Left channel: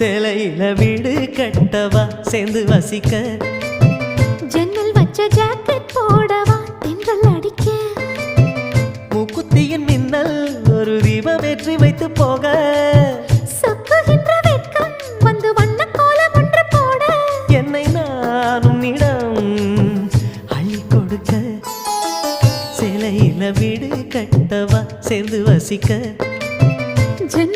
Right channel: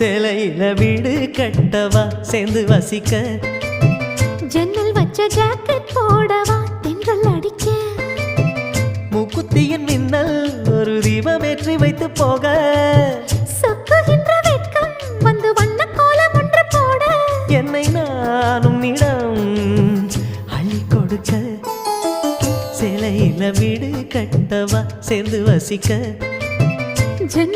சேலையில வீடு கட்டவா சேர்ந்து வசிக்க ஜன்னல் வச்ச ஜாக்கெட் போடவா தென்றல் அடிக்க மூக்குத்தியின் மின்னல் ஒரு தீபம் ஏற்றி வைத்து போக சொக்குகின்ற வெட்கம் வந்து வண்ண கோலம் ஒன்று போட என்னை நானும் இடம் அள்ளி கொடுக்க சேலையில வீடு கட்டவா சேர்ந்து வசிக்க ஜன்னல்